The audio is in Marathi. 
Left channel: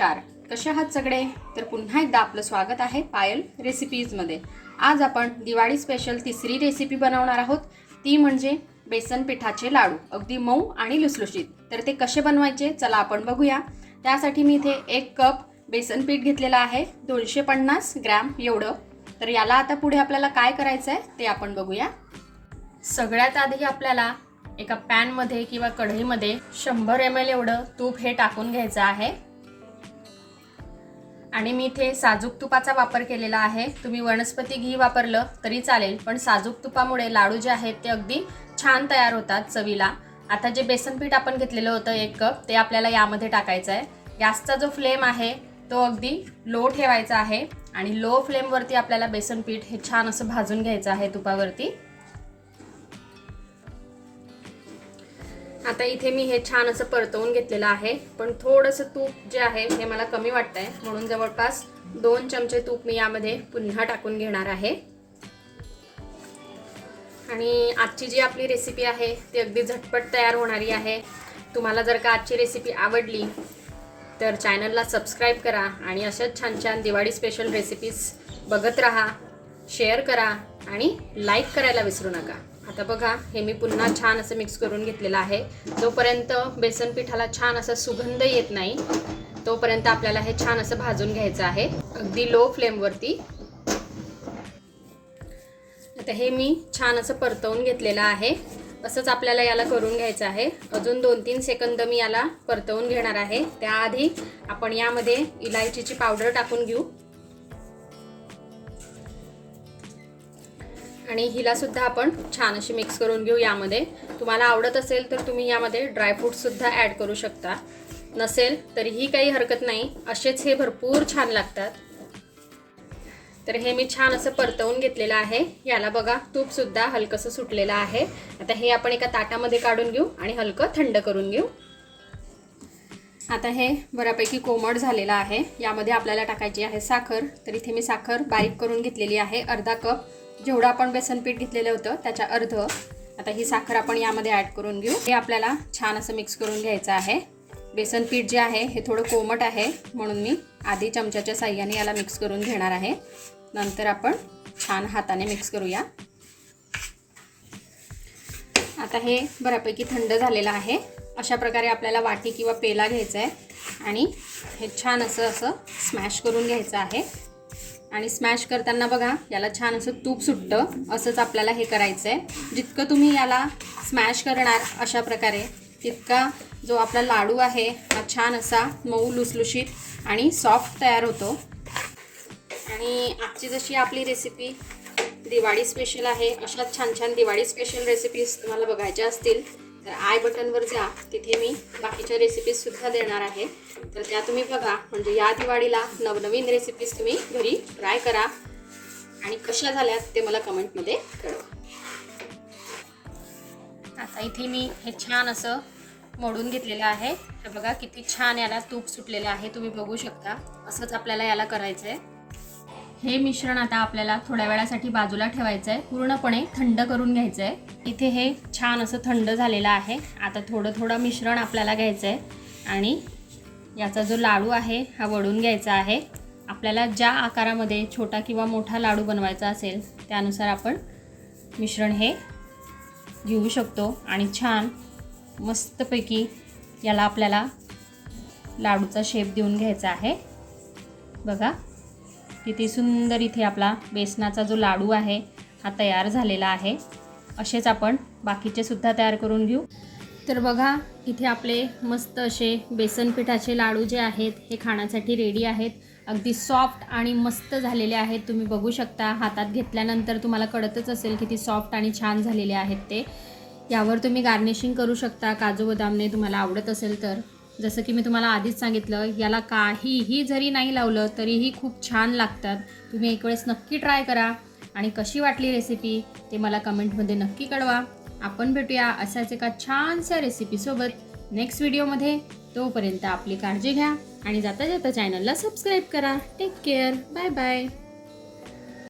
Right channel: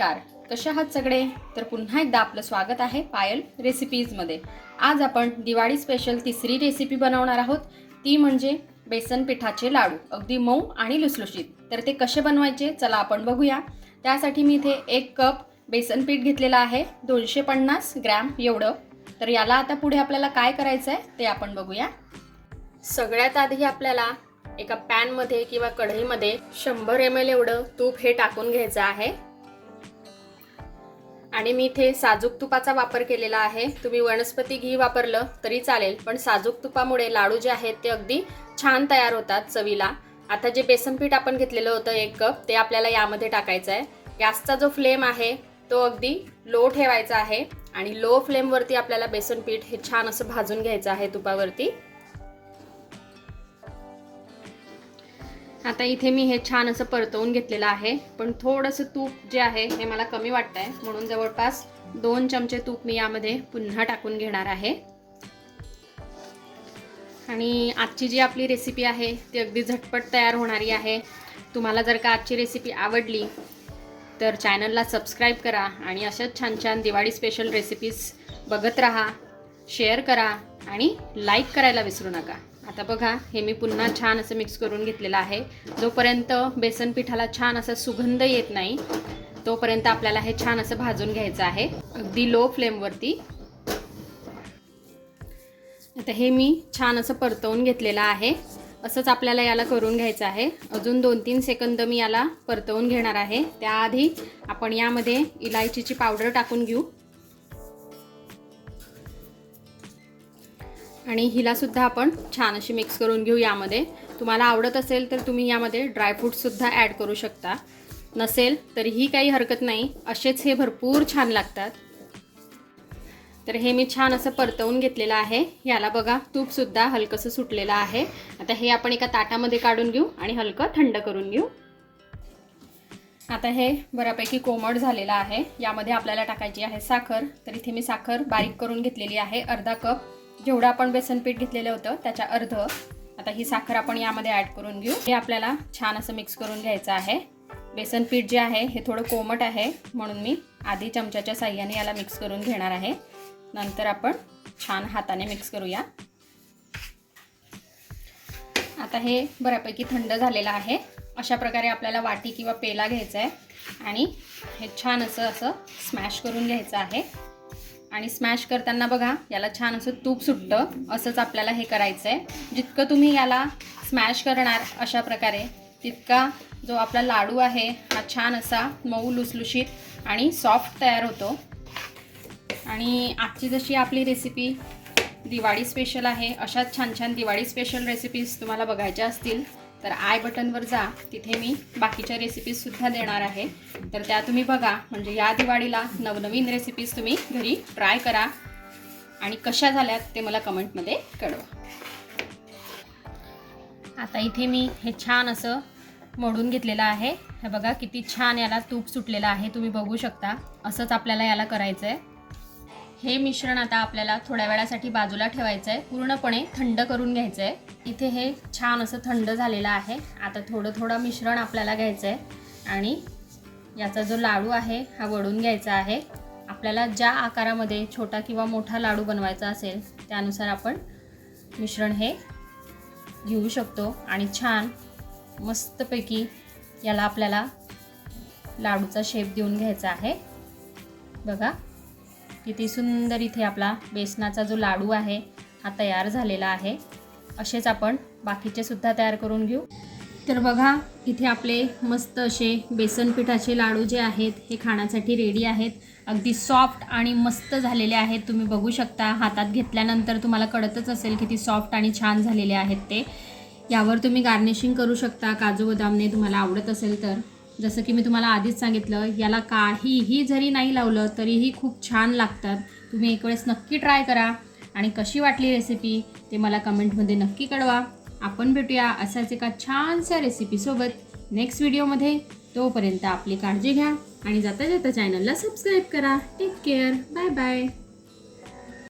नमस्कार, कशा आहात सगळे? तर पुन्हा एकदा आपलं स्वागत आहे पायल रेसिपीजमध्ये। आज आपण दिवाळी स्पेशल तिसरी रेसिपी बनवणार आहोत, ती म्हणजे बेसन पिठाचे लाडू, अगदी मऊ आणि लुसलुशीत। तर ते कसे बनवायचे चला आपण बघूया। त्यासाठी मी इथे 1 कप बेसन पीठ घेतलेला आहे, 250 ग्रॅम एवढं। तर याला आता पुढे आपल्याला काय करायचं आहे ते आपण बघूया। सगळ्यात आधी आपल्याला एका पॅन मध्ये किंवा कढईमध्ये 100 ml एवढं तूप हे टाकून घ्यायचं आहे। आणि मी इथे साजूक तुपाचा वापर केलेला आहे, तुम्ही वनस्पती घी वापरलं तरी चालेल, पण साजूक तुपामुळे लाडू जे आहेत ते अगदी छान तयार होतात चवीला। आता जे बेसन पीठ आपण घेतलेलं होतं 1 कप, ते आपल्याला यामध्ये टाकायचं आहे। गॅसचा जो फ्लेम आहे तो अगदी लो ठेवायचा आहे आणि लो फ्लेम वरती आपल्याला बेसन पीठ हे छान असं भाजून घ्यायचं आहे तुपावरती। आता इथे मी हे छान असं परतवून घेतलेलं आहे, पण थोडंसं तूप जे आहे हे मला कमी वाटतंय, म्हणून जवळपास 2 चमचे तूप मी यामध्ये पुन्हा टाकून घेणार आहे। आणि आजची जी आपली रेसिपी आहे ती अगदी झटपट तयार होणारी आहे। तुम्हाला जर का आजची रेसिपी आवडली तर चॅनलला सबस्क्राइब करा आणि अशाच छान छान दिवाळी स्पेशल रेसिपीज बघत राहा, शेअर करा आणि लाईक करायला विसरू नका। आता बघा, हे मी पुन्हा छान असं मिक्स करून घेतलेलं आहे। जोपर्यंत बेसन पिठाला छान असा सुगंध येत नाही तोपर्यंत आपल्याला हे छान असं भाजून घ्यायचं आहे, अगदी लो फ्लेम वरती। आता हे मी छान असं परतवून घेतलेलं आहे, असंच आपल्याला याला करून घ्यायचं आहे। अजून 2-3 सेकंद मी याला परतवून घेणार आहे। त्याआधी आपण यामध्ये इलायचीची पावडर टाकून घेऊ आणि हिला सुद्धा आपण छान अशी मिक्स करून घेऊ यामध्ये। तुम्हाला आवडत असेल तर तुम्ही यामध्ये ड्रायफ्रूट्स सुद्धा ॲड करू शकता, नसेल तरीही काही हरकत नाही, असेच हे भरपूर छान लागतात। तर हे मी छान असं परतवून घेतलेलं आहे। याला बघा, तूप सुद्धा हलकसं सुटलेलं आहे। आता हे आपण एका ताटामध्ये काढून घेऊ आणि हलकं थंड करून घेऊ। आता हे बऱ्यापैकी कोमट झालेलं आहे, यामध्ये आपल्याला टाकायची आहे साखर। तर इथे मी साखर बारीक करून घेतलेली आहे, अर्धा कप, जेवढं आपण बेसन पीठ घेतलेलं होतं त्याच्या अर्ध। आता ही साखर आपण यामध्ये ॲड करून घेऊ। हे आपल्याला छान असं मिक्स करून घ्यायचं आहे। बेसन पीठ जे आहे हे थोडं कोमट आहे, म्हणून मी आधी चमच्याच्या साहाय्याने याला मिक्स करून घेणार आहे, नंतर आपण छान हाताने मिक्स करूया। आता हे बऱ्यापैकी थंड झालेलं आहे। अशा प्रकारे आपल्याला वाटी किंवा पेला घ्यायचा आहे आणि हे छान असं स्मॅश करून घ्यायचं आहे। आणि स्मॅश करताना बघा, याला छान असं तूप सुटतं, असंच आपल्याला हे करायचं आहे। जितकं तुम्ही याला स्मॅश करणार अशा प्रकारे, तितका जो आपला लाडू आहे हा छान असा मऊ लुसलुशीत आणि सॉफ्ट तयार होतो। आणि आजची जशी आपली रेसिपी दिवाळी स्पेशल आहे, अशाच छान छान दिवाळी स्पेशल रेसिपीज तुम्हाला बघायच्या असतील तर आय बटनवर जा, तिथे मी बाकीच्या रेसिपीज सुद्धा देणार आहे। तर त्या तुम्ही बघा, म्हणजे या दिवाळीला नवनवीन रेसिपीज तुम्ही घरी ट्राय करा आणि कशा झाल्यात ते मला कमेंटमध्ये कळवा। आता इथे मी हे छान असं मोडून घेतलेलं आहे। हे बघा किती छान याला तूप सुटलेलं आहे, तुम्ही बघू शकता। असंच आपल्याला याला करायचं आहे। हे मिश्रण आता आपल्याला थोड्या वेळासाठी बाजूला ठेवायचं आहे, पूर्णपणे थंड करून घ्यायचं आहे। इथे हे छान असं थंड झालेलं आहे। आता थोडं थोडं मिश्रण आपल्याला घ्यायचं आहे आणि याचा जो लाडू आहे हा वळून घ्यायचा आहे। आपल्याला ज्या आकारामध्ये छोटा किंवा मोठा लाडू बनवायचा असेल त्यानुसार आपण मिश्रण हे घेऊ शकतो आणि छान मस्तपैकी याला आपल्याला लाडूचा शेप देऊन घ्यायचा आहे। बघा किती सुंदर इथे आपला बेसनाचा जो लाडू आहे हा तयार झालेला आहे। असेच आपण बाकीचे सुद्धा तयार करून घेऊ। तर बघा, इथे आपले मस्त असे बेसन पिठाचे लाडू जे आहेत हे खाण्यासाठी रेडी आहेत। अगदी सॉफ्ट आणि मस्त झालेले आहेत, तुम्ही बघू शकता। हातात घेतल्यानंतर तुम्हाला कळतच असेल किती सॉफ्ट आणि छान झालेले आहेत ते। यावर तुम्ही गार्निशिंग करू शकता काजू बदामने, तुम्हाला आवडत असेल तर। जसं की मी तुम्हाला आधीच सांगितलं, याला काहीही जरी नाही लावलं तरीही खूप छान लागतात। तुम्ही एक वेळेस नक्की ट्राय करा आणि कशी वाटली रेसिपी ते मला कमेंटमध्ये नक्की कळवा। आपण भेटूया अशाच एका छानशा रेसिपीसोबत नेक्स्ट व्हिडिओमध्ये। तोपर्यंत आपली काळजी घ्या आणि जाता जाता चॅनलला सबस्क्राईब करा। Take care, bye bye.